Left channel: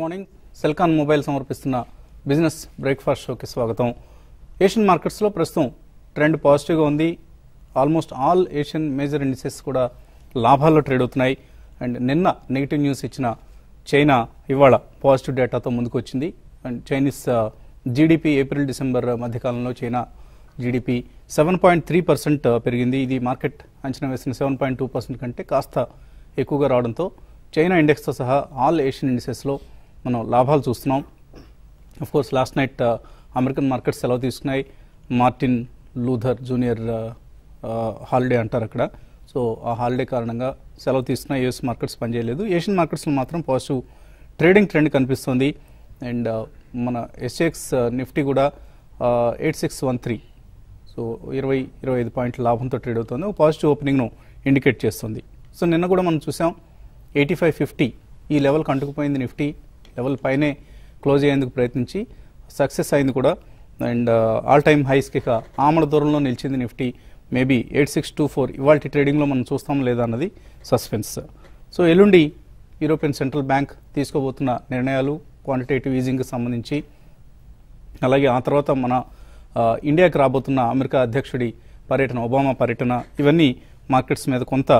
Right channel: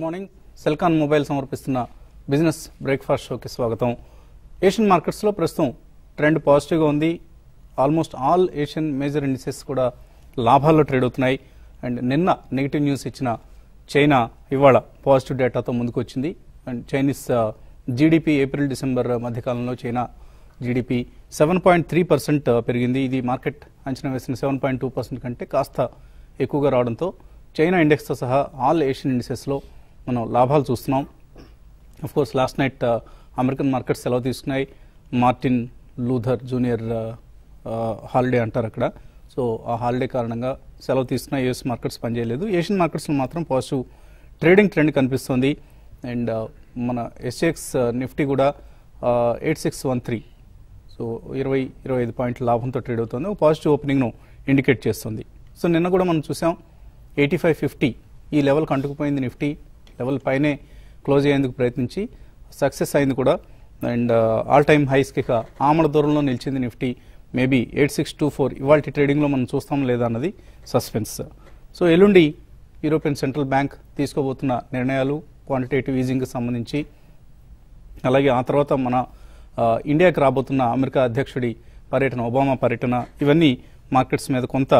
Morning Celkon mobile సమర్పిస్తున్న business breakfast షోకి స్వాగతం. ఏషియన్ మార్కెట్స్ లో ప్రస్తుతం ట్రెండ్ పాజిటివ్ గా ఉంది. Almost all Asian major indices కూడా లాభాల్లో ట్రేడ్ అవుతున్నాయి. అండ్ నిన్న నెగిటివ్ న్యూస్ ఇచ్చిన చైనా ఇవాళ పాజిటివ్ డేటాతో ముందుకు వచ్చింది. And Chinese GDP April December మధ్యకాలంలో చైనా జీడిపి 7.3% పెరిగింది. ఇది మార్కెట్ అంచనా వేసిన 7.2% కంటే కాస్త ఎక్కువగా రావడంతో చైనా ఇండెక్స్ తో సహా ఆల్ ఏషియన్ ఇండిసెస్ లో మనం లాభాలు చూస్తున్నాం. Of course last night American markets సెలవు తీసుకున్నాయి. మార్టిన్ లూథర్ జూనియర్ హాలిడే అంటారు అక్కడ. సో ఆ హాలిడే కారణంగా సెలవు తీసుకున్న యూఎస్ మార్కెట్స్ పనిచేయలేదు. ఏషియన్ మార్కెట్స్ లో మాత్రం పాజిటివ్ ట్రేడింగ్ ట్రెండ్ కనిపిస్తుంది. అండ్ మన ఎస్ఎక్స్ నిఫ్టీ కూడా 8613, సో 20-25 పాయింట్ల లాభంతో ట్రేడ్ అవుతుంది. పాజిటివ్ ఓపెనింగ్ ను ఇండికేట్ చేస్తుంది. సో నిన్న కూడా మనం చూసాం 8550 ఈ లెవెల్ కంటుకుపోయింది. నిఫ్టీ లెవెల్ పైనే క్లోజ్ అయ్యేందుకు ప్రయత్నించి సక్సెస్ అయింది కూడా. అండ్ ఆల్ టైమ్ హైస్ కి ఆమల దూరంలో నిలిచింది నిఫ్టీ. మేబీ 8624 ఇవాళ ట్రేడింగ్ లో మనం చూస్తాం లేదా అన్నది సస్పెన్స్. సో ఎల్లుండి యూరోపియన్ సెంట్రల్ బ్యాంక్ తీసుకోబోతున్న నిర్ణయాలు క్వాంటిటేటివ్ ఈజింగ్ కి సంబంధించి, అలాగే ఆ తర్వాత మన ఇండియాకి రాబోతున్న అమెరికా అధ్యక్షుడి పర్యటన, ఒబామా పర్యటన, ఇవన్నీ మార్కెట్స్ మీద కొంత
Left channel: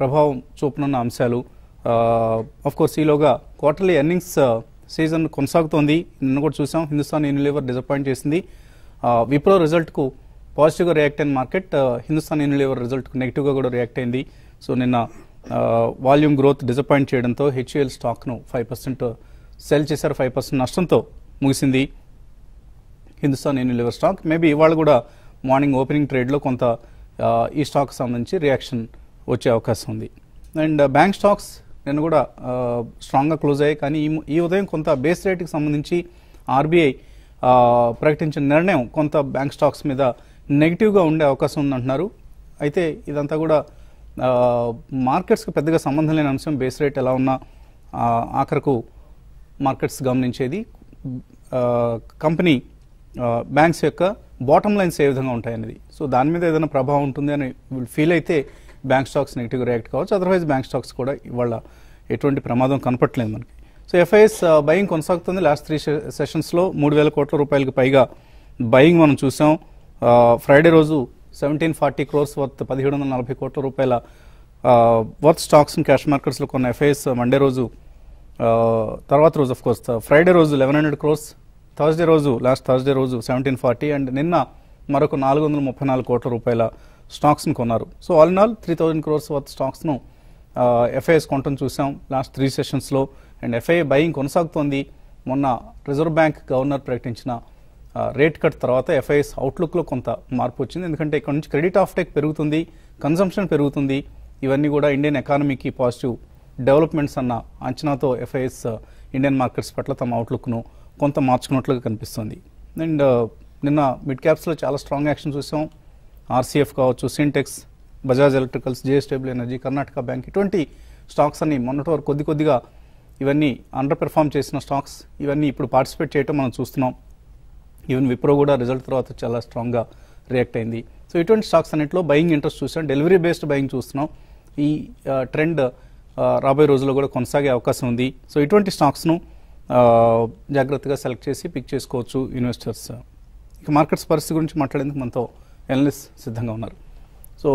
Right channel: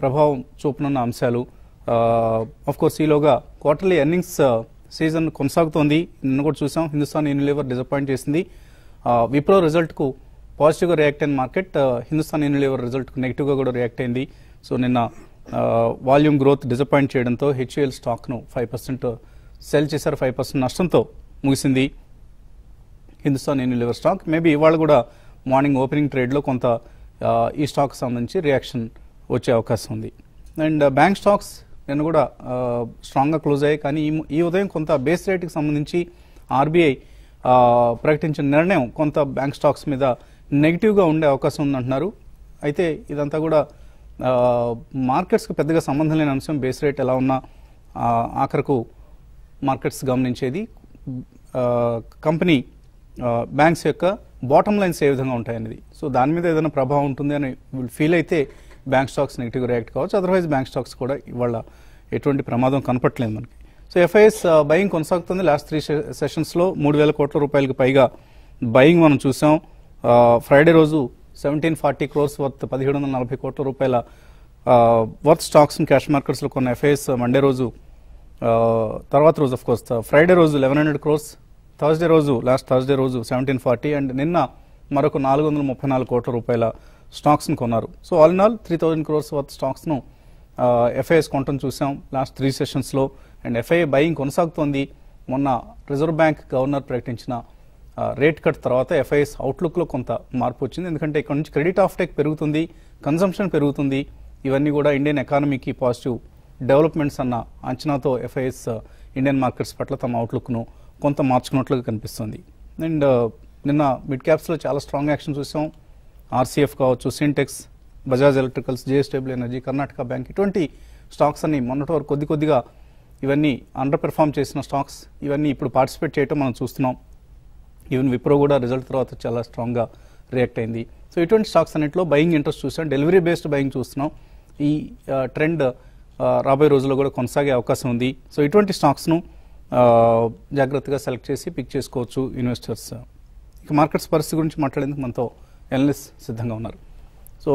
ప్రభావం చూపనున్న అంశాలు. ఆఫ్ కోర్స్ ఈలోగా క్వార్టర్లీ ఎర్నింగ్స్ సీజన్ కొనసాగుతోంది. నిన్న కూడా చూసాం హిందుస్థాన్ యూనిలీవర్ డిసప్పాయింట్ చేసింది. విప్రో రిజల్ట్ కు పాజిటివ్ గా రియాక్ట్ అయిన మార్కెట్ హిందుస్థాన్ యూనిలీవర్ రిజల్ట్ కు నెగిటివ్ గా కూడా రియాక్ట్ అయింది. సో నిన్న వాల్యూమ్ గ్రోత్ డిసప్పాయింట్ చేయడంతో హెచ్యుఎల్ స్టాక్ ను 5% సెల్ చేశారు. 5% నష్టంతో ముగిసింది హిందుస్థాన్ యూనిలీవర్ స్టాక్. మేబీ ఇవాళ కూడా మార్నింగ్ ఓపెనింగ్ ట్రేడ్ లో కొంత ఈ స్టాక్ సంబంధించి రియాక్షన్ వచ్చే అవకాశం ఉంది. అండ్ బ్యాంక్ స్టాక్స్ నేను కూడా స్ట్రాంగ్ గా క్లోజ్ అయ్యాయి. కానీ ఈ ఉదయం కొంత బేస్ రేట్ కి సంబంధించి ఆర్బీఐ ప్రకటించిన నిర్ణయం కొంత బ్యాంక్ స్టాక్స్ మీద నెగిటివ్ గా ఉండే అవకాశం ఉందంటున్నారు. అయితే ఇదంతా కూడా మార్కెట్స్ కు పెద్దగా సంబంధం లేని అంశం. బేస్ రేట్ ఎలా ఉన్నా ఆఖరకు మార్కెట్స్ గమనించేది కంపెనీ బ్యాంక్స్ యొక్క బాటమ్ లైన్స్ ఏ విధంగా ఉంటాయనేది. సో దాని మీద ఏదైనా ప్రభావం ఉంటుంది అని ఫీల్ అయితే బ్యాంక్ స్టాక్స్ నెగిటివ్ రియాక్ట్ కావచ్చు. అదర్వైజ్ బ్యాంక్ స్టాక్స్ కూడా ఇవాళ ఎటువంటి ప్రమాదం కనపట్లేదు మనకి. సో ఎఫ్ఐఎస్ బయింగ్ కొనసాగుతుంది. లాస్ట్ 3 సెషన్స్ లో 3000 కోట్ల రూపాయలకు పైగా బయింగ్ మనం చూసాం. ఫ్రైడే రోజు 1740 crores వర్త్ 1740 కోట్ల రూపాయల వర్త్ స్టాక్స్ క్యాష్ మార్కెట్స్ లో కొన్న ఎఫ్ఐఎస్ మండే రోజు, తర్వాత రోజు ఆఫ్ కోర్స్ ఫ్రైడే రోజు 1100 crores, థర్స్డే రోజు లాస్ట్ థర్స్డే రోజు 1740, అండ్ నిన్న మరొక 434 కోట్ల రూపాయల స్టాక్స్ ను కొన్నారు. So all in all 3000 crores worth stocks ను ఎఫ్ఐఎస్ కొనటం చూసాం లాస్ట్ 3 సెషన్స్ లో. అండ్ ఎఫ్ఐఐ బయింగ్ కొనసాగుతోంది. మొన్న రిజర్వ్ బ్యాంక్ గవర్నర్ ప్రకటించిన రేట్ కట్ తర్వాత ఎఫ్ఐఎస్ అవుట్లుక్ లో కొంత మార్పు వచ్చింది. ఎందుకంటే ఇక్కడ నుంచి క్రెడిట్ ఆఫ్ టేక్ పెరుగుతుంది, కన్సంప్షన్ పెరుగుతుంది. ఇవన్నీ కూడా ఇండియన్ ఎకానమీకి పాజిటివ్ డెవలప్మెంట్స్ అన్న అంచనాతో ఎఫ్ఐఎస్ ఇండియన్ మార్కెట్స్ పట్ల తమ అవుట్లుక్ ను కొంత మార్చుకున్నట్లుగా కనిపిస్తుంది. అండ్ నిన్న మిడ్ క్యాప్స్ లో చాలా స్ట్రాంగ్ యాక్షన్ చూసాం. ఆర్సీఎఫ్ కావచ్చు, Sintex, Bajaj electricals, JSW energy, Karnataka bank, ఇటువంటి స్టాక్స్ అని మొన్నటి వరకు కొద్దిగా ఇవన్నీ అండర్ పెర్ఫార్మ్ చేసిన స్టాక్స్ ఇవన్నీ ఇప్పుడు పార్టిసిపేట్ చేయడం మనం చూస్తున్నాం. ఈవెన్ విప్రో కూడా రిజల్ట్ తర్వాత చాలా స్ట్రాంగ్ గా రియాక్ట్ అయింది. సో ఇటువంటి స్టాక్స్ అన్నింటిలో బయింగ్ ఇంట్రెస్ట్ చూసాం. డెలివరీ బేస్డ్ బయింగ్ చూస్తున్నాం. ఈ ట్రెండ్ రాబోయే రోజుల్లో కూడా కొనసాగే అవకాశం ఉంది. సో ఇటువంటి స్టాక్స్ ను జాగ్రత్తగా సెలెక్ట్ చేసి పిక్ చేసుకోవచ్చు ఇన్వెస్టర్స్. ఇక మార్కెట్స్ పరిస్థితి గురించి మాట్లాడేందుకు మనతో ఎనలిస్ట్ సిద్ధంగా ఉన్నారు. సో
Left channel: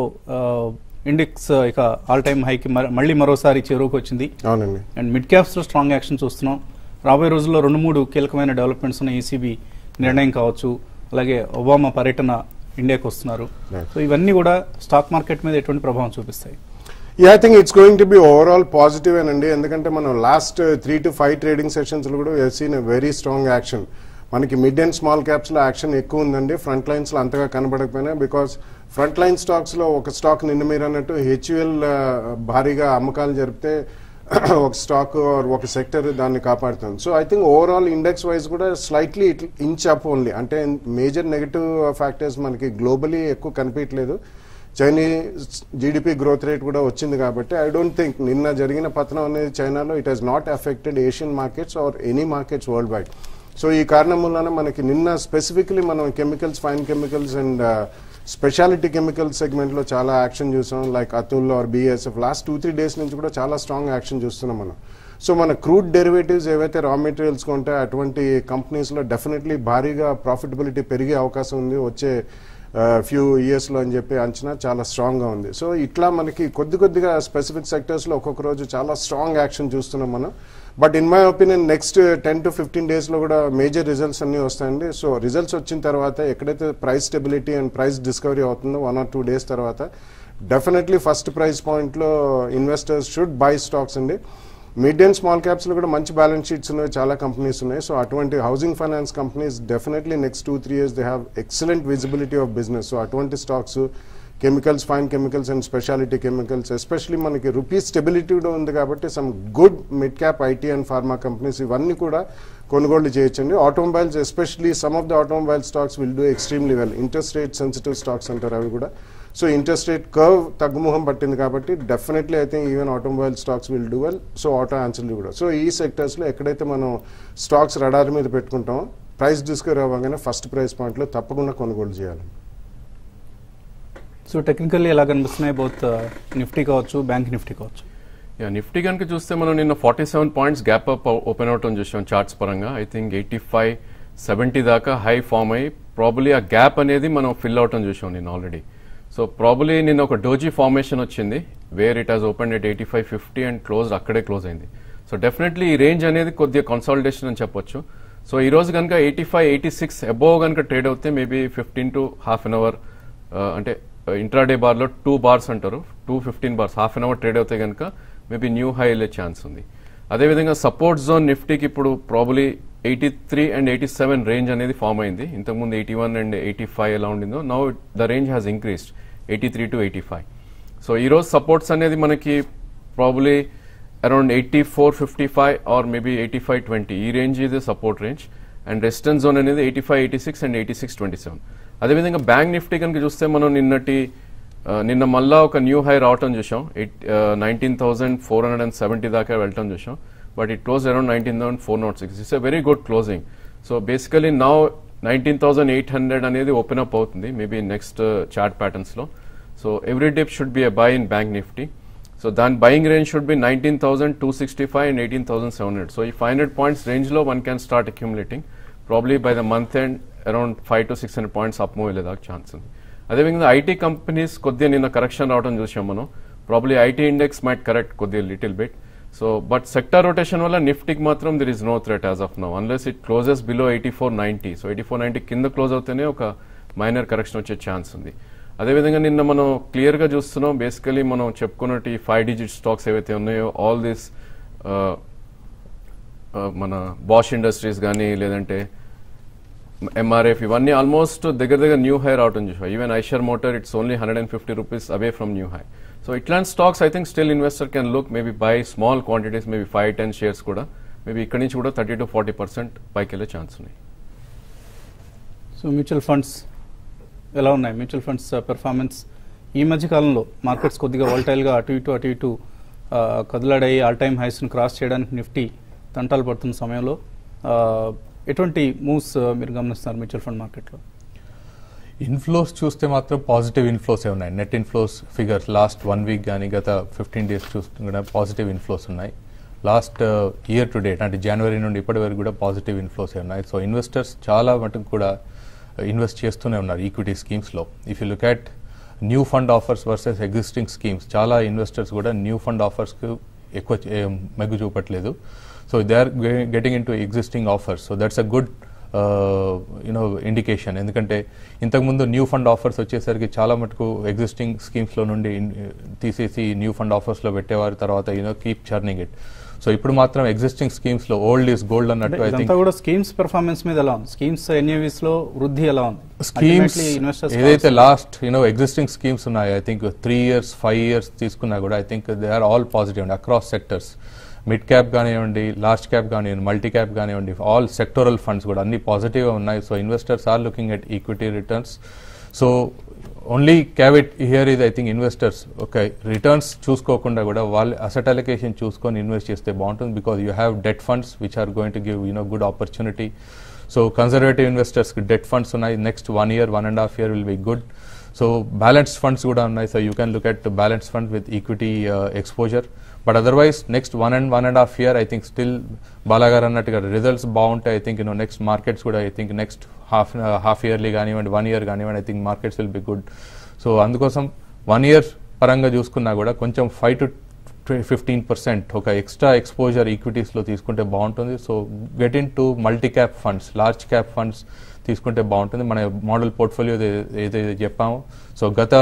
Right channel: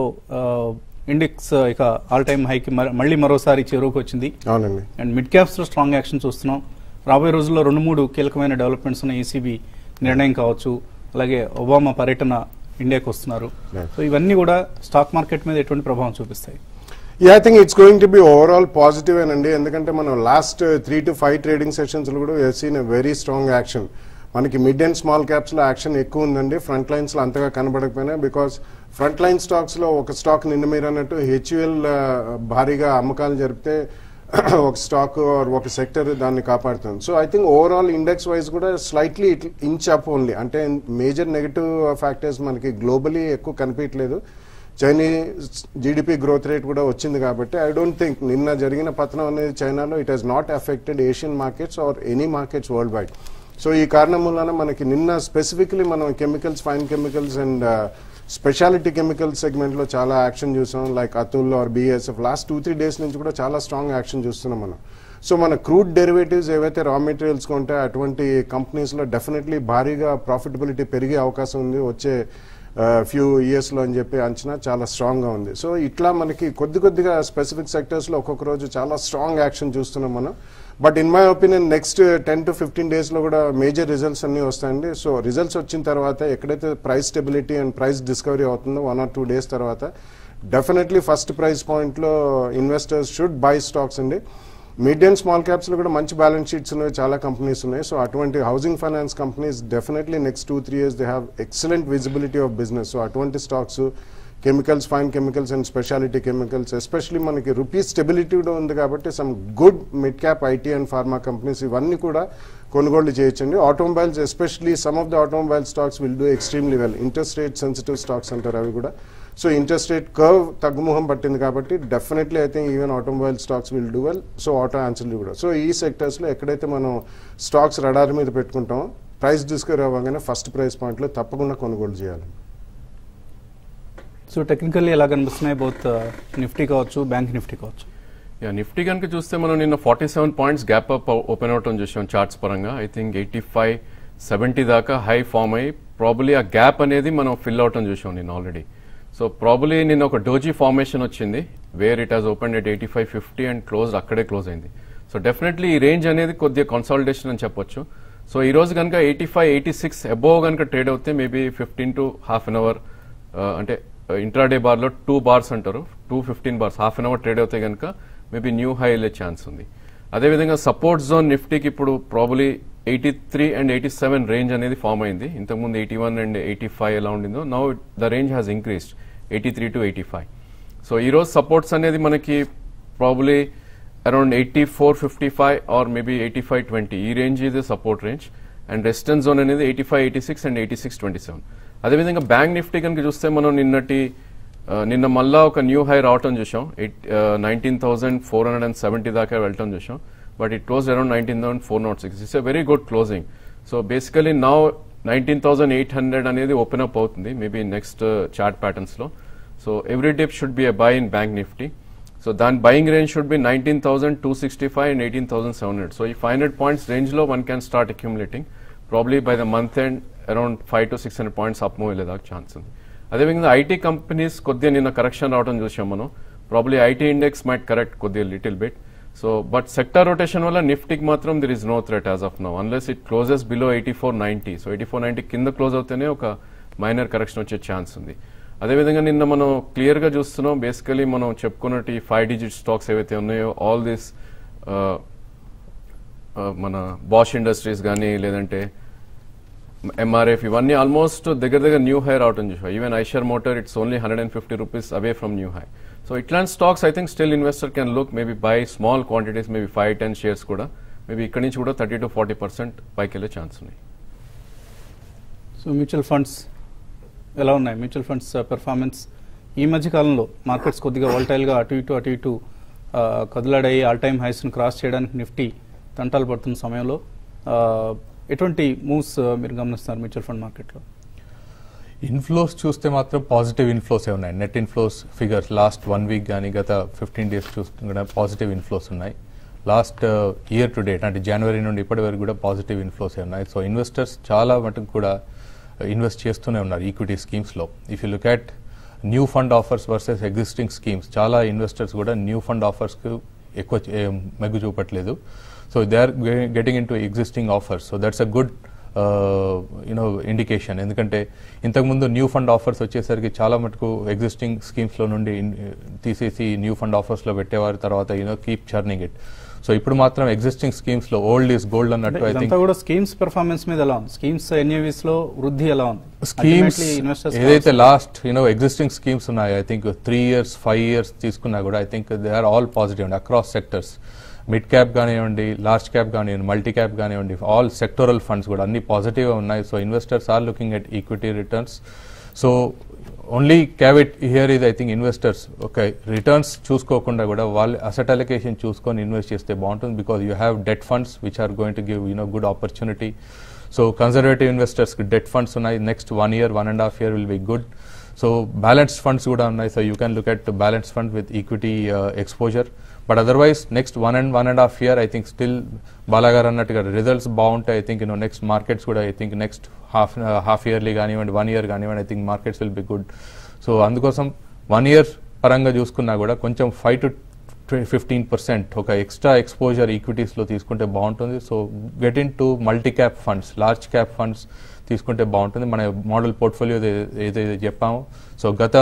ఇండెక్స్ ఇక ఆల్ టైమ్ హైకి మళ్ళీ మరోసారి చెరువుకు వచ్చింది. అండ్ మిడ్ క్యాప్స్ లో స్ట్రాంగ్ యాక్షన్ చూస్తున్నాం. రాబోయే రోజుల్లో 2-3 కీలకమైన డెవలప్మెంట్స్ ఉన్న ఈసీబీ నిర్ణయం కావచ్చు, అలాగే ఒబామా పర్యటన ఇండియాకి వస్తున్నారు. సో ఇవన్నీ కూడా స్టాక్ మార్కెట్ మీద ఎటువంటి ప్రభావం చూపిస్తాయి? Yeah, I think it's going to be overall positive అండి. ఎందుకంటే మనం లాస్ట్ 3 to 5 ట్రేడింగ్ సెషన్స్ కూడా we have seen a very strong action. మనకి మిడ్ అండ్ స్మాల్ క్యాప్స్ లో యాక్షన్ ఎక్కువ ఉందండి. ఫ్రంట్ లైన్స్ లో అంతగా కనబడకపోయినా, బికాస్ ఫ్రంట్ లైన్ స్టాక్స్ లో ఒక స్టాక్ నిన్న మీరు అన్నట్టు హెచ్యుఎల్ భారీగా అమ్మకాలు జరిపితే ఒక స్టాక్ ఒక సెక్టర్ దాన్ని కాపాడుతుంది. So I think overall index wise కూడా స్లైట్లీ ఇంచ్ అప్ ఓన్లీ. అంటే మేజర్ నెగటివ్ ఫ్యాక్టర్స్ మనకి గ్లోబలీ ఎక్కువ కనిపించలేదు. చైనీస్ జీడిపి గ్రోత్ రేట్ కూడా వచ్చింది కాబట్టి ఐ డోంట్ థింక్ నిన్న జరిగిన పతనం అనేది చైనాలో it has not affected Asian markets or any markets worldwide. So ఈ కారణం వలన మనకి నిన్న స్పెసిఫిక్లీ మనం chemicals, fine chemicals and speciality chemical segment లో చాలా యాక్షన్ చూసాం. Like Atul or BSF last 2-3 days నుంచి కూడా చాలా స్ట్రాంగ్ యాక్షన్ చూస్తున్నాం మనం. సో మన క్రూడ్ డెరివేటివ్స్ ఏవైతే రా మెటీరియల్స్ ఉంటాయో అటువంటి కంపెనీస్ లో డెఫినెట్లీ భారీగా ప్రాఫిటబిలిటీ పెరిగే అవకాశం ఉంది వచ్చే ఫ్యూ ఇయర్స్ లో అని చెప్పి అంచనా చాలా స్ట్రాంగ్ గా ఉంది. సో ఇట్లా మనకి కొద్దిగా స్పెసిఫిక్ సెక్టర్స్ లో ఒక్కొక్క రోజు చాలా స్ట్రాంగ్ యాక్షన్ చూస్తున్నాం మనం. But in my opinion next 10 to 15 days లో కూడా మేజర్ రిజల్ట్స్ అన్ని వస్తాయండి. సో రిజల్ట్స్ వచ్చిన తర్వాత ఎక్కడైతే price stability and price discovery అవుతుందో 1 or 2 days తర్వాత డెఫినెట్లీ ఫస్ట్ ప్రైస్ పాయింట్ లో ఇన్వెస్టర్స్ షుడ్ బై స్టాక్స్ అండి. మీడియం అండ్ స్మాల్ క్యాప్స్ లో కూడా మంచి బ్యాలెన్స్ షీట్స్ ఉన్నాయి, చాలా కంపెనీస్ ఉన్నాయి. సో అటువంటి housing finance companies definitely next 2-3 years they have excellent visibility of business. So అటువంటి stocks, chemicals, fine chemicals and speciality chemicals, especially మనకి రూపీస్ స్టెబిలిటీ కూడా ఉంది కాబట్టి some good mid cap IT and pharma companies ఇవన్నీ కూడా కొనుగోలు చేయొచ్చండి. Automobiles especially some of the automobile stocks will do extremely well. Interest rate sensitive stocks అంటారు అవి కూడా. సో ఇంట్రెస్ట్ రేట్ కర్వ్ తగ్గుముఖం పట్టింది కాబట్టి definitely I think even automobile stocks will do well. So auto ఆన్సర్లు కూడా. సో ఈ sectors లో ఎక్కడైతే మనం స్టాక్స్ రడార్ మీద పెట్టుకుంటామో ప్రైస్ డిస్కవర్ అవ్వగానే ఫస్ట్ ప్రైస్ పాయింట్ లో తప్పకుండా కొనుగోలు చేయాలి. సో టెక్నికల్లీ ఎలా కనిపిస్తున్నాయి బోత్ నిఫ్టీ కావచ్చు, బ్యాంక్ నిఫ్టీ కావచ్చు? నిఫ్టీ కనుక చూస్తే మనం నిన్న 47 points gap up open out అని చూసాం చార్ట్స్ పరంగా. ఐ థింక్ 85-70 దాకా హై ఫామ్ అయ్యి ప్రాబబ్లీ ఆ గ్యాప్ అనేది మనం ఫిల్ అవుట్ అని చూసాం నేను ఆల్రెడీ. సో ప్రాబబ్లీ నేను ఒక డోజీ ఫార్మేషన్ వచ్చింది where it has open at 85-50 and అక్కడే క్లోజ్ అయింది. సో డెఫినెట్లీ ఈ రేంజ్ అనేది కొద్దిగా కన్సాలిడేషన్ అని చెప్పొచ్చు. సో ఈ రోజు కనుక 85-86 అబోవ్ కనుక ట్రేడ్ అవుతే maybe 15 to half an hour అంటే ఇంట్రాడే బార్ లో 2 bars అంటారు, 2-15 bars half an hour trade అవుతే కనుక మేబీ న్యూ హై వెళ్ళే ఛాన్స్ ఉంది. అదేవిధంగా సపోర్ట్ జోన్ నిఫ్టీకి ఇప్పుడు ప్రాబబ్లీ 83 and 87 రేంజ్ అనేది ఫామ్ అయింది. ఇంతకుముందు 81 and 85 ఎలా ఉండిందో now the range has increased 83 to 85. So ఈ రోజు సపోర్ట్స్ అనేది మనకి ప్రాబబ్లీ అరౌండ్ 84-55 ఆర్ మేబీ 85-20 ఈ రేంజ్ ఇది support range. And resistance zone అనేది 85-86 and 86-27. అదేవిధంగా బ్యాంక్ నిఫ్టీ కనుక చూస్తే మనం నిన్న మళ్ళా ఒక న్యూ హై రావటం చూసాం. 19,470 దాకా వెళ్ళటం చూసాం. But it close around 19,406. It's a very good closing. So basically now 19,800 అనేది ఓపెన్ అప్ అవుతుంది మేబీ నెక్స్ట్ చార్ట్ ప్యాటర్న్స్ లో. So every dip should be a buy in Bank Nifty. So దాని buying range should be 19,265 and 18,700. సో ఈ 500 points range లో one can start accumulating. Probably by the month end around 500-600 points up move వెళ్ళేదాకా chance ఉంది. అదేవిధంగా IT companies కొద్దిగా నిన్న correction రావడం చూసాం మనం. Probably IT index might correct కొద్దిగా little bit. So but sector rotation వల్ల నిఫ్టీకి మాత్రం there is no threat as of now unless it closes below 8490. So 8490 కింద క్లోజ్ అవుతేనే ఒక మైనర్ కరెక్షన్ వచ్చే ఛాన్స్ ఉంది. అదేవిధంగా నిన్న మనం క్లియర్ గా చూస్తున్నాం బేసికలీ మనం చెప్పుకున్నట్టు ఈ 5-digit స్టాక్స్ ఏవైతే ఉన్నాయో ఆల్ దిస్ మన బాష్ ఇండస్ట్రీస్ కానీ లేదంటే ఎంఆర్ఎఫ్ ఇవన్నీ ఆల్మోస్ట్ దగ్గర న్యూ హై రావడం చూసాం. Even Eicher Motor it's only 150 rupees away from new high. So ఇట్లాంటి stocks I think still investor can look maybe buy small quantities maybe 5-10 shares కూడా maybe ఇక్కడ నుంచి కూడా 30-40% పైకి వెళ్ళే ఛాన్స్ ఉన్నాయి. సో మ్యూచువల్ ఫండ్స్ ఎలా ఉన్నాయి? మ్యూచువల్ ఫండ్స్ పెర్ఫార్మెన్స్ ఈ మధ్య కాలంలో మార్కెట్స్ కొద్దిగా వాలటైల్ గా అటు ఇటు కదలాడాయి. ఆల్ టైమ్ హైస్ ను క్రాస్ చేయడానికి నిఫ్టీ తంటాలు పడుతున్న సమయంలో ఎటువంటి మూవ్స్ మీరు గమనిస్తారు మ్యూచువల్ ఫండ్ మార్కెట్ లో? ఇన్ఫ్లోస్ చూస్తే మాత్రం పాజిటివ్ ఇన్ఫ్లోస్ ఉన్నాయి. Net inflows figures last 1 week కానీ గత 15 days చూస్తే పాజిటివ్ ఇన్ఫ్లోస్ ఉన్నాయి. లాస్ట్ ఇయర్ టు డేట్ అంటే జనవరి నుండి ఇప్పటి వరకు కూడా పాజిటివ్ ఇన్ఫ్లోస్ ఉన్నాయి. సో ఇన్వెస్టర్స్ చాలా మటుకు కూడా ఇన్వెస్ట్ చేస్తూనే ఉన్నారు ఈక్విటీ స్కీమ్స్ లో. If you look at new fund offers versus existing schemes, చాలా ఇన్వెస్టర్స్ కూడా న్యూ ఫండ్ ఆఫర్స్ కు ఎక్కువ మెగ్గు చూపట్లేదు. So they are getting in to existing offers. So that's a good indication. ఎందుకంటే ఇంతకుముందు న్యూ ఫండ్ ఆఫర్స్ వచ్చేసరికి చాలా మటుకు ఎగ్జిస్టింగ్ స్కీమ్స్ లో నుండి తీసేసి న్యూ ఫండ్ ఆఫర్స్ లో పెట్టేవారు, తర్వాత కీప్ చర్నింగ్ ఇట్. సో ఇప్పుడు మాత్రం ఎగ్జిస్టింగ్ స్కీమ్స్ లో ఓల్డ్ ఈస్ గోల్డ్ అన్నట్టు. ఐ థింక్ స్కీమ్స్ పెర్ఫార్మెన్స్ మీద ఎలా ఉంది? స్కీమ్స్ ఎన్ఏవిస్ లో వృద్ధి ఎలా ఉంది? స్కీమ్స్ ఏదైతే లాస్ట్ ఎగ్జిస్టింగ్ స్కీమ్స్ ఉన్నాయి ఐ థింక్ 3 years 5 years తీసుకున్నా కూడా I think they are all positive across sectors. Mid cap కానివ్వండి, లార్జ్ క్యాప్ కానివ్వండి, మల్టీ క్యాప్ కానివ్వండి, ఆల్ సెక్టోరల్ ఫండ్స్ కూడా అన్ని పాజిటివ్ గా ఉన్నాయి. So investors are looking at equity returns. So only caveat here is I think investors okay returns చూసుకోకుండా కూడా వాళ్ళు అసెట్ అలొకేషన్ చూసుకొని ఇన్వెస్ట్ చేస్తే బాగుంటుంది. Because you have debt funds which are going to give good opportunity. So conservative investors debt funds ఉన్నాయి. Next 1 year 1.5 year will be good. So balanced funds కూడా ఉన్నాయి. So you can look at balance fund with equity exposure. But otherwise next 1.5 year I think still బాలాగారు అన్నట్టుగా results బాగుంటాయి. I think next markets కూడా I think next half yearly కానివ్వండి 1 year కానివ్వండి I think markets will be good. So అందుకోసం 1 year పరంగా చూసుకున్నా కూడా కొంచెం 5 to 15% ఒక ఎక్స్ట్రా ఎక్స్పోజర్ ఈక్విటీస్ లో తీసుకుంటే బాగుంటుంది. So get in to multi cap funds, large cap funds తీసుకుంటే బాగుంటుంది. మన మోడల్ పోర్ట్ఫోలియో ఏదైతే చెప్పాము, సో గత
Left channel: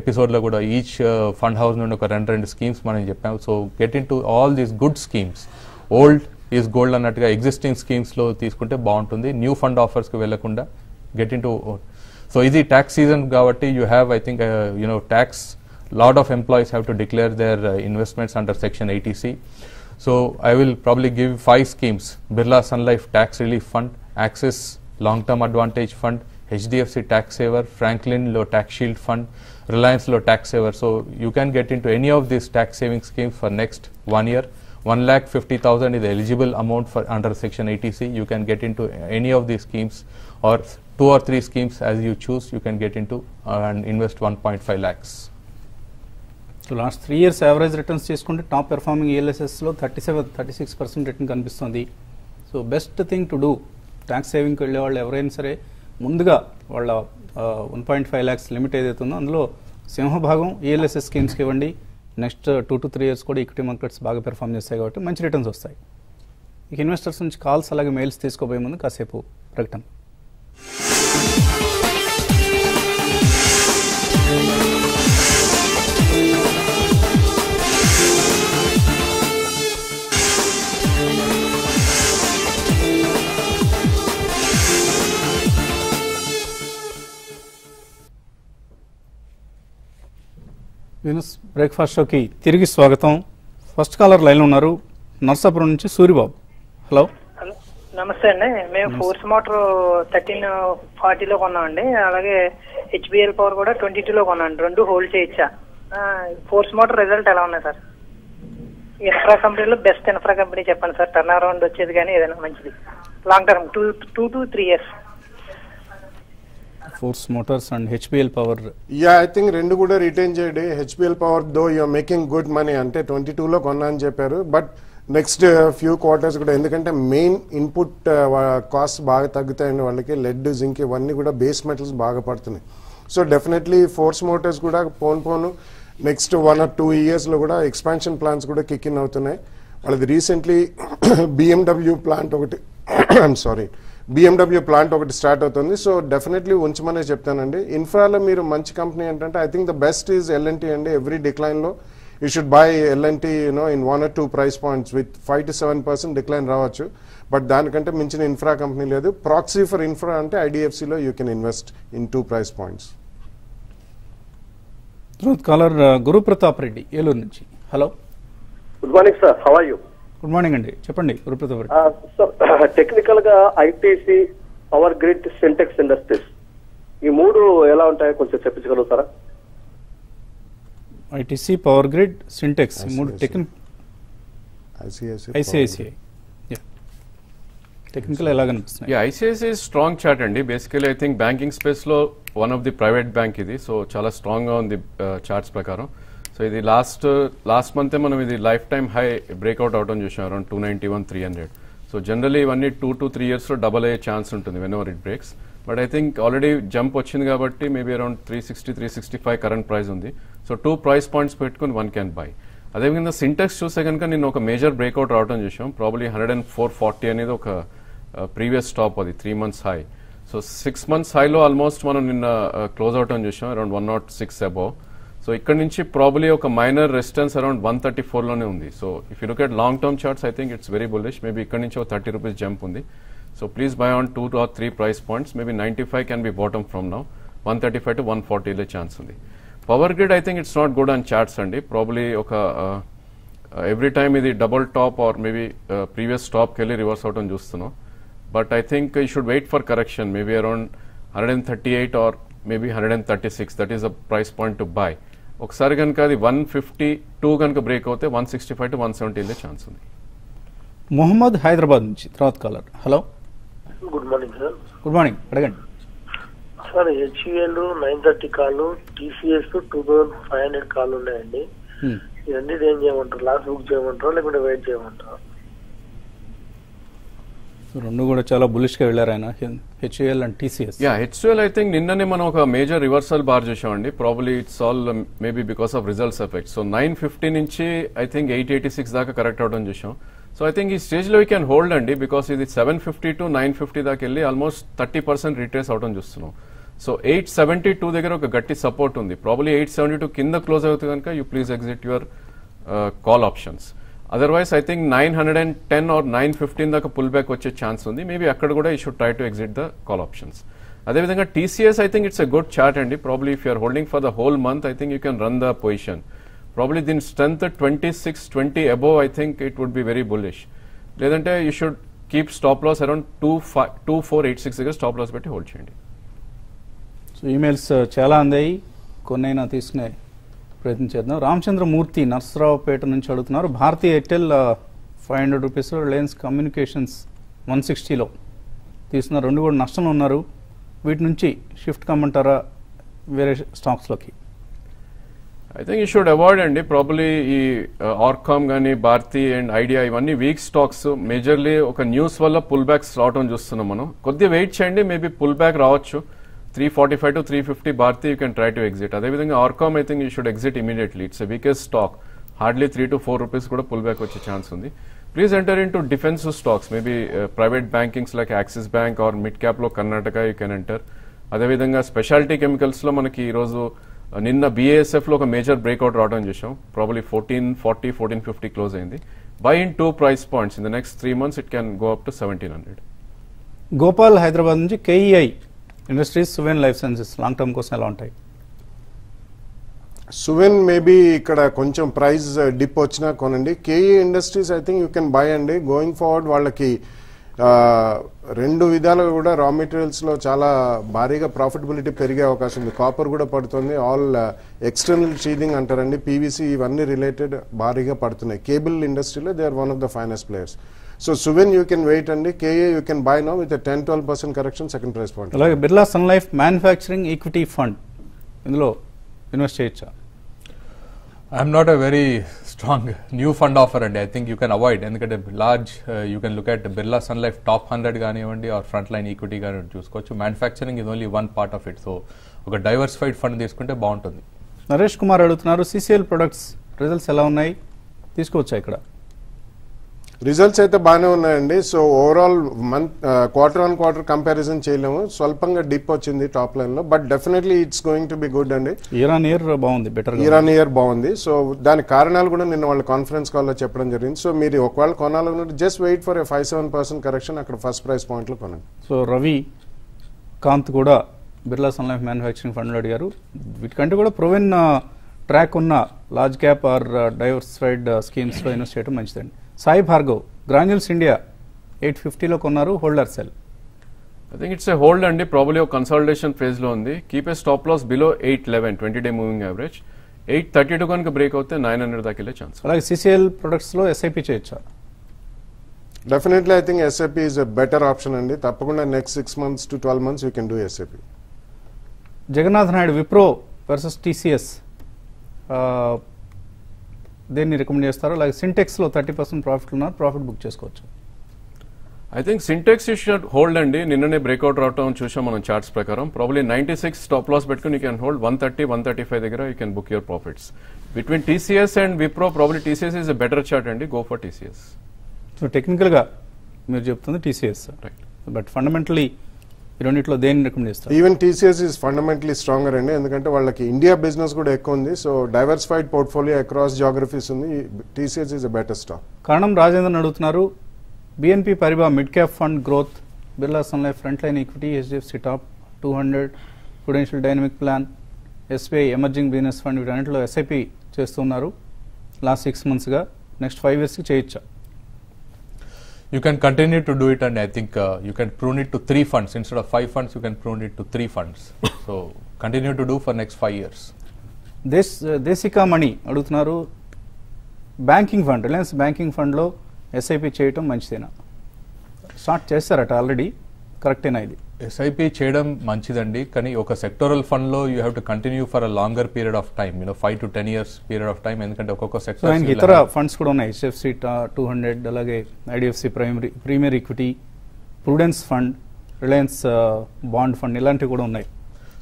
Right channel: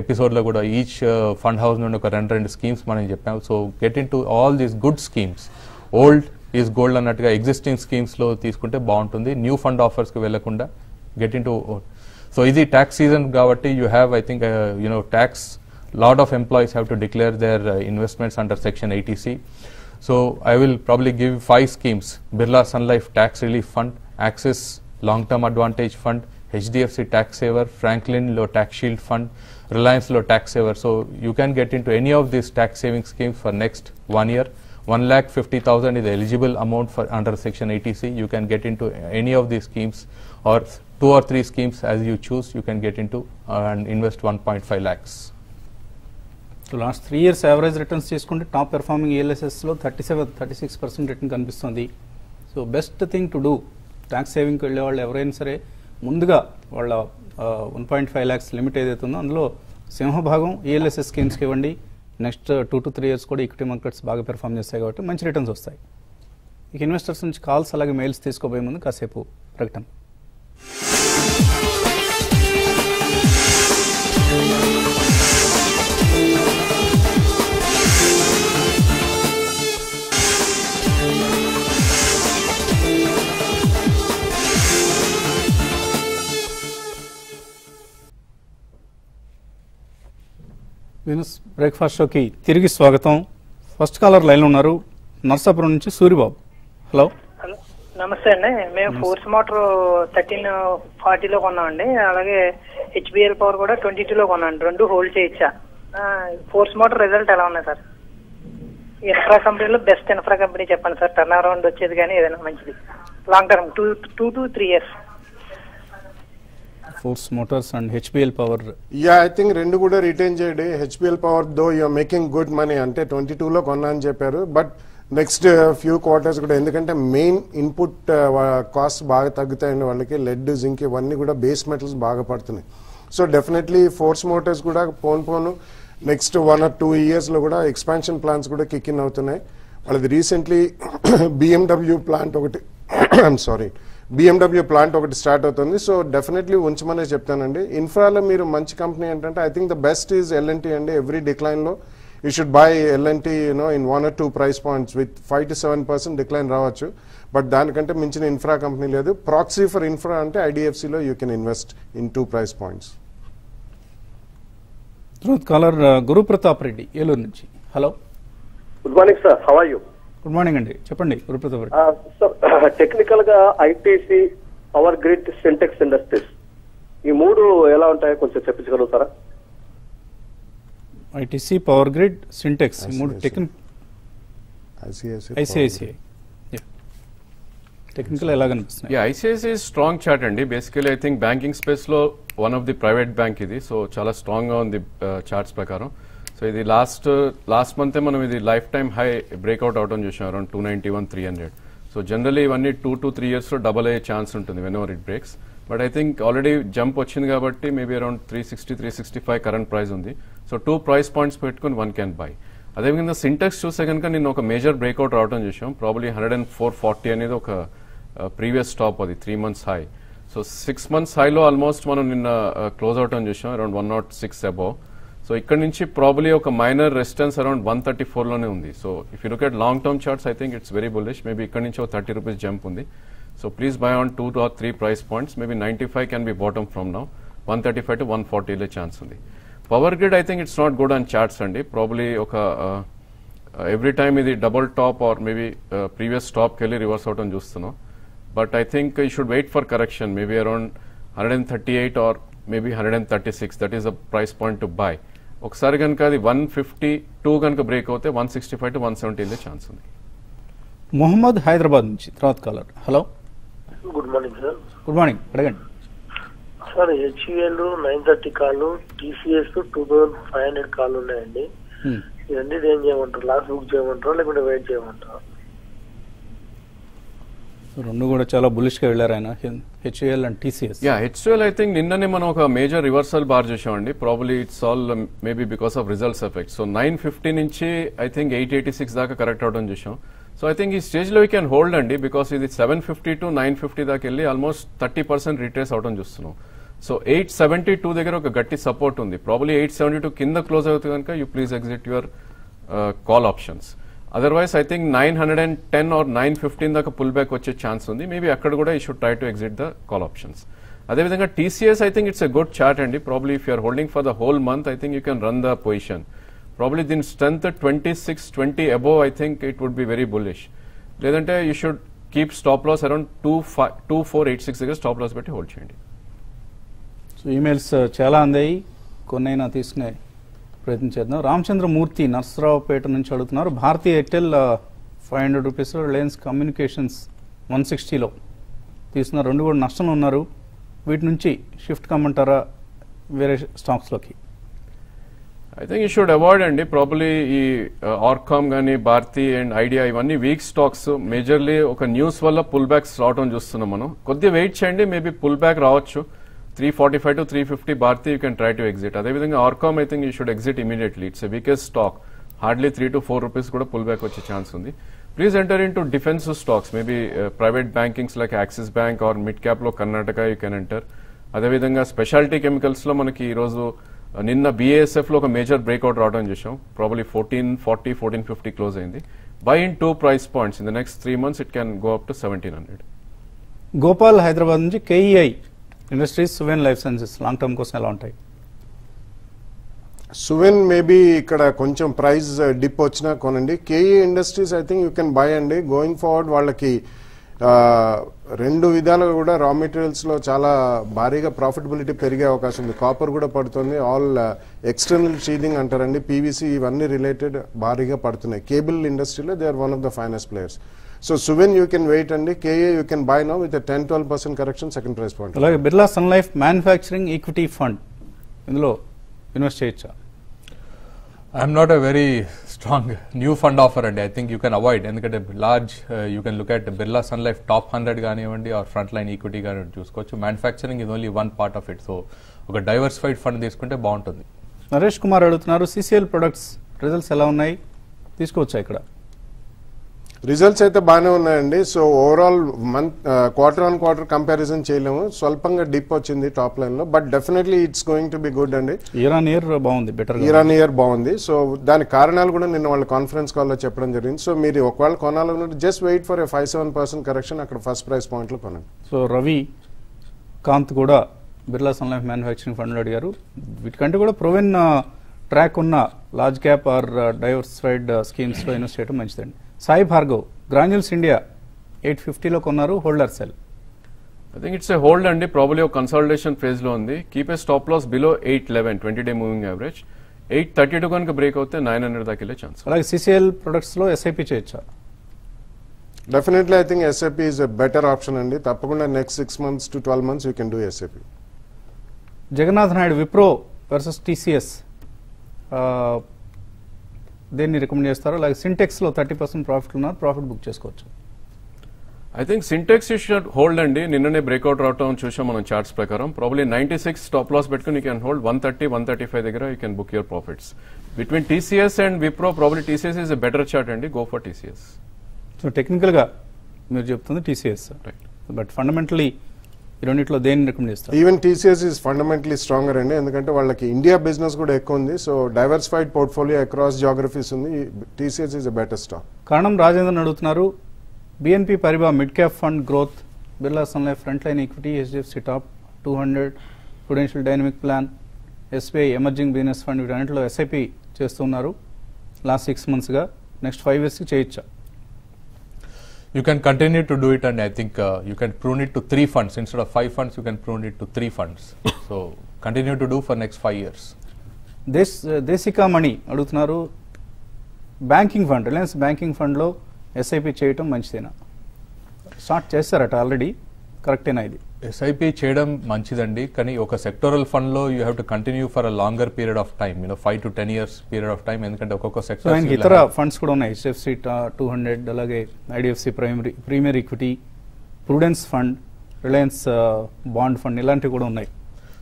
ఎపిసోడ్ లో కూడా ఈచ్ ఫండ్ హౌస్ నుండి ఒక 2 స్కీమ్స్ మనం చెప్పాము. So get in to all these good schemes. Old is gold అన్నట్టుగా ఎగ్జిస్టింగ్ స్కీమ్స్ లో తీసుకుంటే బాగుంటుంది. న్యూ ఫండ్ ఆఫర్స్ కి వెళ్లకుండా గెట్ ఇన్ టు. సో ఇది ట్యాక్స్ సీజన్ కాబట్టి you have I think tax lot of employees have to declare their investments under section 80C. So I will probably give 5 schemes: Birla Sun Life Tax Relief Fund, Axis Long Term Advantage Fund, HDFC Tax Saver, Franklin Low Tax Shield Fund, Reliance Low Tax Saver. So you can get into any of these tax saving schemes for next 1 year. 1,50,000 is the eligible amount for under section 80C. You can get into any of these schemes, or 2 or 3 schemes as you choose. You can get into and invest 1.5 lakhs. Last 3 years average returns చేసుకుంటే top performing ELSS లో 36% return కనిపిస్తుంది. So best thing to do, tax సేవింగ్కి వెళ్ళే వాళ్ళు ఎవరైనా సరే ముందుగా వాళ్ళ 1.5 lakhs లిమిట్ ఏదైతే ఉందో అందులో సింహభాగం ELSS స్కీమ్స్కి ఇవ్వండి. నెక్స్ట్ 2 to 3 years కూడా ఈక్విటీ మార్కెట్స్ బాగా పెర్ఫార్మ్ చేస్తాయి కాబట్టి మంచి రిటర్న్స్ వస్తాయి. ఇక ఇన్వెస్టర్స్ నుంచి కాల్స్ అలాగే మెయిల్స్ తీసుకోబోయే ముందు కాసేపు ప్రకటన. బిజినెస్ బ్రేక్ఫాస్ట్ షోకి తిరిగి స్వాగతం. ఫస్ట్ కాలర్ లైన్ ఉన్నారు, నర్సాపురం నుంచి సూరిబాబు. హలో. హలో నమస్తే అండి. మేము ఫోర్స్ మోటార్ 1340 లో కొన్నామండి. అలాగే HBL పవర్ కూడా 22 లో కొన్నాను. 2 హోల్డ్ చేయొచ్చా? ఫోర్స్ మోటార్ రిజల్ట్ ఎలా ఉన్నాయి సార్? ఇన్ఫ్రా కంపెనీలో బెస్ట్ ఇన్ఫ్రా కంపెనీ చెప్పండి సార్. టర్న్ అరౌండ్ వచ్చేది కానీ ఏదైనా మంచిది long term 2 to 3 years. Force Motors and HBL power. I think రెండు కూడా రిటైన్ చేయండి. HBL power though you're making good money, అంటే 22 లో కొన్నా అని చెప్పారు. బట్ నెక్స్ట్ ఫ్యూ క్వార్టర్స్ కూడా, ఎందుకంటే మెయిన్ ఇన్పుట్ కాస్ట్ బాగా తగ్గుతాయండి వాళ్ళకి. లెడ్, జింక్ ఇవన్నీ కూడా బేస్ మెటల్స్ బాగా పడుతున్నాయి. సో డెఫినెట్లీ ఫోర్స్ మోటార్స్ కూడా పోను నెక్స్ట్ 1 or 2 years లో కూడా ఎక్స్పాన్షన్ ప్లాన్స్ కూడా కిక్ ఇన్ అవుతున్నాయి. అది రీసెంట్లీ BMW ప్లాంట్ ఒకటి BMW ప్లాంట్ ఒకటి స్టార్ట్ అవుతుంది. సో డెఫినెట్లీ ఉంచమనే చెప్తానండి. ఇన్ఫ్రాలో మీరు మంచి కంపెనీ ఏంటంటే I think the best is L&T అండి. ఎవ్రీ డిక్లైన్ లో you should buy L&T in 1 or 2 price points with 5 to 7% decline రావచ్చు. బట్ దానికంటే మించిన ఇన్ఫ్రా కంపెనీ లేదు. ప్రాక్సీ ఫర్ ఇన్ఫ్రా అంటే IDFC లో you can invest in 2 price points. Caller Guru Pratap Reddy Eluru నుంచి. Hello. Good morning sir, how are you? Good morning అండి, చెప్పండి Guru Pratap Reddy. Technical గా ITC, power grid, Syntex industries ఈ 3 ఎలా ఉంటాయో కొంచెం చెప్పించగలుగుతారా? ITC, power grid, Syntex ICICI technical ఎలా కనిపిస్తుంది? ICICI స్ట్రాంగ్ చార్ట్ అండి. Basically I think banking space లో one of the private bank ఇది. సో చాలా స్ట్రాంగ్ గా ఉంది చార్ట్స్ ప్రకారం. సో ఇది లాస్ట్ మంత్ మనం ఇది లైఫ్ టైమ్ హై బ్రేక్అవుట్ అవడం చూసాం అరౌండ్ 291,300. సో జనరలీ ఇవన్నీ 2 to 3 years లో డబుల్ అయ్యే ఛాన్స్ ఉంటుంది whenever it breaks. But I think already jump వచ్చింది కాబట్టి మేబీ అరౌండ్ 360, 365 కరెంట్ ప్రైస్ ఉంది. సో 2 price points పెట్టుకుని 1 can buy. అదేవిధంగా సింటెక్స్ చూస్తే కనుక నేను ఒక మేజర్ బ్రేక్అవుట్ రావడం చూసాం. ప్రాబ్లీ 104.40 అనేది ఒక ప్రీవియస్ స్టాప్, అది 3 months హై. సో 6 months హైలో ఆల్మోస్ట్ మనం నిన్న క్లోజ్ అవటం చూసాం అరౌండ్ 106 అబౌవ్. సో ఇక్కడ నుంచి ప్రాబ్లీ ఒక మైనర్ రెసిస్టెన్స్ అరౌండ్ 134 లోనే ఉంది. So if you look at long term charts I think it's very bullish. Maybe ఇక్కడ నుంచి ఒక 30 rupees జంప్ ఉంది. So please by on 2 or 3 price points. Maybe 95 can be bottom from now. 135 to 140 లే chance ఉంది. Power grid I think it's not good on charts అండి. Probably ఒక every time ఇది double top or maybe previous stop కి వెళ్ళి reverse అవటం చూస్తున్నాం. But I think you should wait for correction. Maybe around 138 or maybe 136. That is a price point to buy. ఒకసారి కనుక అది 152 కనుక బ్రేక్ అవుతే 165 to 170 ఛాన్స్ ఉంది. మొహమ్మద్ హైదరాబాద్ నుంచి తర్వాత caller. Hello. Good morning sir. Good morning, అడగండి సార్. HUL 930 కాళ్ళు, TCS 2,500 కాళ్ళు ఉన్నాయండి. ఇవన్నీ ఏం చేయమంటారు? లాస్ట్ బుక్ చేయమంటారా లేకుంటే వెయిట్ చేయమంటారా? రెండు కూడా చాలా బులిష్ గా వెళ్ళారు ఆయన, HUL and TCS. HUL I think నిన్ననే మనం ఒక మేజర్ రివర్సల్ బార్ చేసామండి. Probably it's all maybe because of results effect. So 950 నుంచి ఐ థింక్ 886 దాకా కరెక్ట్ అవడం చూసాం. సో ఐ థింక్ ఈ స్టేజ్ లో వీ క్యాన్ హోల్డ్ అండి, బికాస్ ఇది 750 to 950 దాకా వెళ్ళి ఆల్మోస్ట్ 30% రిట్రేస్ అవడం చూస్తున్నాం. సో 872 దగ్గర ఒక గట్టి సపోర్ట్ ఉంది. ప్రాబ్లీ 872 కింద క్లోజ్ అవుతుంది కనుక you please exit your call options. Otherwise I think 910 or 915 దాకా పుల్ బ్యాక్ వచ్చే ఛాన్స్ ఉంది. మేబీ అక్కడ కూడా you should try to exit the call options. అదేవిధంగా TCS I think it's a good chart అండి. Probably if you're holding for the whole month I think you can run the position. Probably దీని strength 26-20 above I think it would be very bullish. లేదంటే you should keep stop loss around 2486 దగ్గర stop loss పెట్టి hold చేయండి. So emails చాలా అందాయి, కొన్నైనా తీసుకునే ప్రయత్నం చేద్దాం. రామచంద్రమూర్తి నర్సరావుపేట నుంచి అడుగుతున్నారు, భారతీయ ఎయిర్టెల్ 500 రూపీస్, రిలయన్స్ కమ్యూనికేషన్స్ 160లో తీసుకున్నారు, రెండు కూడా నష్టంలో ఉన్నారు, వీటి నుంచి షిఫ్ట్ కమ్మంటారా వేరే స్టాక్స్ లోకి? I think you should avoid అండి. ప్రాబ్లీ ఈ ఆర్కామ్ గానీ భారతీ అండ్ ఐడియా ఇవన్నీ వీక్ స్టాక్స్. మేజర్లీ ఒక న్యూస్ వల్ల పుల్ బ్యాక్స్ రావడం చూస్తున్నాం మనం. కొద్దిగా వెయిట్ చేయండి, మేబీ పుల్ బ్యాక్ రావచ్చు. 345 to 350 Bharti you can try to exit. అదేవిధంగా RCom I think you should exit immediately. It's weakest stock. Hardly 3 to 4 rupees కూడా పుల్ బ్యాక్ వచ్చే ఛాన్స్ ఉంది. Please enter into defensive stocks, maybe private bankings like Axis bank or mid cap లో Karnataka you can enter. అదేవిధంగా speciality chemicals లో మనకి ఈ రోజు నిన్న బిఏఎస్ఎఫ్ లో ఒక మేజర్ బ్రేక్అవుట్ రావడం చూసాం. ప్రాబ్లీ 1440, 1450 క్లోజ్ అయింది. Buy in 2 price points. In the next 3 months it can go up to 1700. Gopal Hyderabad నుంచి KEI industries, Suven life sciences long term కోసం ఎలా ఉంటాయి? సువెన్ మేబీ ఇక్కడ కొంచెం ప్రైస్ డిప్ వచ్చినా కొనండి. KE Industries I think you can buy అండి. గోయింగ్ ఫార్వర్డ్ వాళ్ళకి రెండు విధాలుగా కూడా రా మెటీరియల్స్ లో చాలా భారీగా ప్రాఫిటబిలిటీ పెరిగే అవకాశం ఉంది. కాపర్ కూడా పడుతుంది, ఆల్ ఎక్స్టర్నల్ షీడింగ్ అంటారండి, పీవీసీ ఇవన్నీ రిలేటెడ్ భారీగా పడుతున్నాయి. కేబుల్ ఇండస్ట్రీలో they are one of the finest players. So Suven you can wait అండి. KA you can buy now with 10-12% correction, second price point. అలాగే Birla Sun Life manufacturing equity fund, ఇందులో invest చేయొచ్చా? I'm not a very strong new fund offer and I think you can avoid. ఎందుకంటే large you can look at Birla Sun Life top 100 కానివ్వండి or frontline equity కానివ్వండి చూసుకోవచ్చు. Manufacturing is only one part of it. So ఒక diversified fund తీసుకుంటే బాగుంటుంది. నరేష్ కుమార్ అడుగుతున్నారు, CCL products results ఎలా ఉన్నాయి, తీసుకోవచ్చా ఇక్కడ? రిజల్ట్స్ అయితే బాగానే ఉన్నాయండి. So overall month quarter on quarter comparison చేయలేము, స్వల్పంగా డిప్ వచ్చింది టాప్ లైన్ లో, but definitely it's going to be good అండి. ఇయర్ ఆన్ ఇయర్ బాగుంది, బెటర్ ఇయర్ ఆన్ ఇయర్ బాగుంది. సో దాని కారణాలు కూడా నిన్న వాళ్ళు కాన్ఫరెన్స్ కాల్ లో చెప్పడం జరిగింది. సో మీరు ఒకవేళ కొనాలన్నట్టు జస్ట్ వెయిట్ ఫర్ 5-7% కరెక్షన్, అక్కడ ఫస్ట్ ప్రైస్ పాయింట్ లో కొనండి. సో రవి కాంత్ కూడా Birla Sun Life manufacturing fund లో అడిగారు. వీటికంటే కూడా ప్రొవెన్ ట్రాక్ ఉన్న large cap or diversified schemes లో ఇన్వెస్ట్ చేయడం మంచిదండి. సాయి భార్గవ్ గ్రాన్యూల్స్ ఇండియా 850లో కొన్నారు, hold or sell? I think it's a hold అండి. ప్రాబ్లీ ఒక కన్సాలిడేషన్ ఫేజ్ లో ఉంది. Keep a stop loss below 811 20-day moving average. 832 కనుక బ్రేక్ అవుతే 900 దాకా వెళ్ళే ఛాన్స్. అలాగే సిసిఎల్ ప్రొడక్ట్స్ లో ఎస్ఐపి చేయొచ్చా? Definitely I think SIP is a better option అండి. తప్పకుండా next 6 months to 12 months you can do SIP. Jagannath Naidu Wipro versus TCS దేన్ని రికమెండ్ చేస్తారు? అలాగే సింటెక్స్ లో 30% ప్రాఫిట్ ఉన్నారు, ప్రాఫిట్ బుక్ చేసుకోవచ్చు. I think Sintex you should hold అండి. నిన్ననే బ్రేక్అవుట్ రావడం చూసాం మనం చార్ట్స్ ప్రకారం. ప్రాబ్లీ 96 స్టాప్ లాస్ పెట్టుకుని యూ కెన్ హోల్డ్. 130-135 దగ్గర you can book your profits. Between TCS and Wipro probably TCS is a better chart అండి. Go for TCS. So technical గా మీరు చెప్తుంది టీసీఎస్, బట్ ఫండమెంటలీ ఈ రెండిట్లో దేన్ని రికమెండ్ చేస్తారు? Even TCS is fundamentally stronger అండి, ఎందుకంటే వాళ్ళకి ఇండియా బిజినెస్ కూడా ఎక్కువ ఉంది. So diversified portfolio across geographies ఉంది. TCS is a better stock. కారణం రాజేంద్రన్ అడుగుతున్నారు, BNP Paribas mid cap fund growth, Birla Sun Life front line equity, HDFC top 200, Prudential dynamic plan, SBI emerging business fund, వీటన్నింటిలో SIP చేస్తున్నారు last 6 months గా. Next 5 years చేయొచ్చా? You can continue to do it and I think you can prune it to 3 funds. Instead of 5 funds, you can prune it to 3 funds. So continue to do for next 5 years. దేశికా మణి అడుగుతున్నారు, banking fund, Reliance banking fund లో SIP చేయటం మంచిదేనా? Start చేస్తారట already, కరెక్టేనా ఇది? SIP చేయడం మంచిదండి, కానీ ఒక సెక్టోరల్ ఫండ్ లో you have to continue for a longer period of time, 5 to 10 years period of time. ఎందుకంటే ఒక్కొక్క సెక్టర్ ఇతర ఫండ్స్ కూడా ఉన్నాయి, HFC 200, అలాగే IDFC premier equity, prudence fund, Reliance bond fund, ఇలాంటివి కూడా ఉన్నాయి.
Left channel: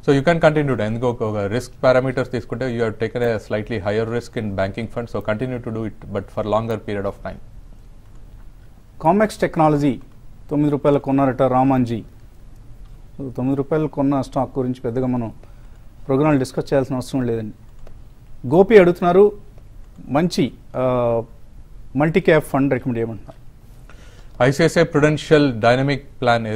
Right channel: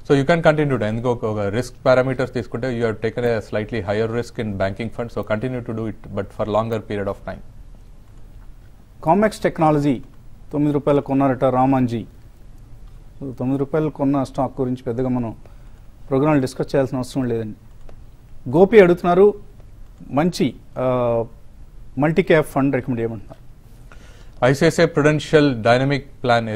So you can continue to ఇంకొక రిస్క్ పారామీటర్స్ తీసుకుంటే you have taken a slightly higher risk in banking fund, so continue to do it but for longer period of time. Commex technology ₹9 కొన్నారట రామాంజీ. ₹9 కొన్న stock గురించి పెద్దగా మనం programme discuss చేయాల్సిన అవసరం లేదండి. గోపి అడుగుతున్నారు, మంచి మల్టీ క్యాప్ ఫండ్ రికమెండ్ చేయమంటున్నారు. ఐసిఐసిఐ ప్రుడెన్షియల్ డైనమిక్ ప్లాన్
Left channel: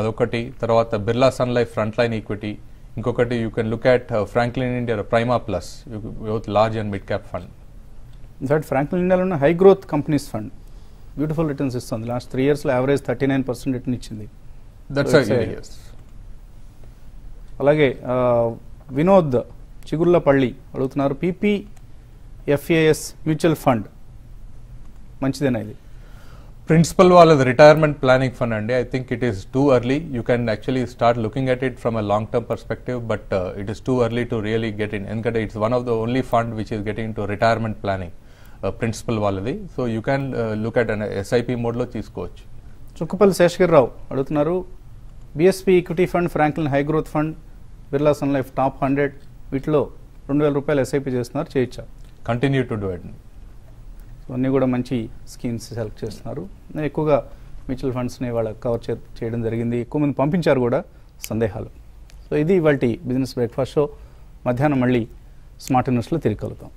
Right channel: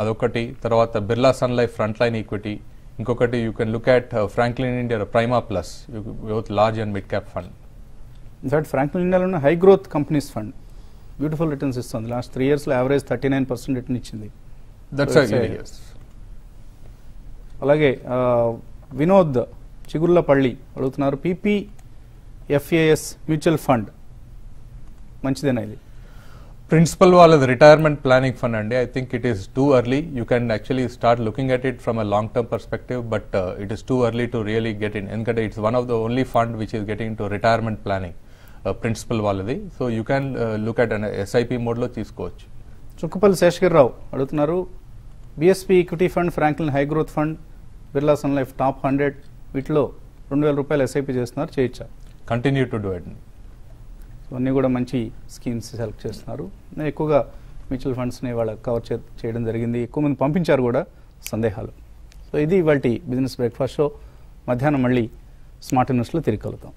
అదొకటి, తర్వాత Birla Sun Life front line equity, ఇంకొకటి you can look at Franklin India Prima plus, both large and mid cap fund. In fact Franklin ఇండియాలో high growth companies fund beautiful returns ఇస్తుంది. Last 3 years లో average 39% return ఇచ్చింది. అలాగే వినోద్ చిగుళ్ళపల్లి అడుగుతున్నారు, PPFAS mutual fund మంచిదేనా ఇది? Principal వాళ్ళది రిటైర్మెంట్ ప్లానింగ్ ఫండ్ అండి. I think it is too early. You can actually start looking at it from a long term perspective, but it is too early to really get in. ఎందుకంటే it's one of the only fund which is getting to retirement planning Principal వాళ్ళది. So you can look at SIP mode లో తీసుకోవచ్చు. చుక్కపల్లి శేషగిరిరావు అడుగుతున్నారు, BSP equity fund, Franklin high growth fund, Birla Sun life top 100 వీటిలో ₹2,000 SIP చేస్తున్నారు, చేయొచ్చా? Continue to do it. అన్నీ కూడా మంచి స్కీమ్స్ సెలెక్ట్ చేస్తున్నారు. ఎక్కువగా మ్యూచువల్ ఫండ్స్ని వాళ్ళ కవర్ చేయడం జరిగింది, ఎక్కువ మంది పంపించారు కూడా సందేహాలు. సో ఇది ఇవాల్టి బిజినెస్ బ్రేక్ఫాస్ట్ షో. మధ్యాహ్నం మళ్ళీ స్మార్ట్ న్యూస్లో తిరిగి కలుగుతాం.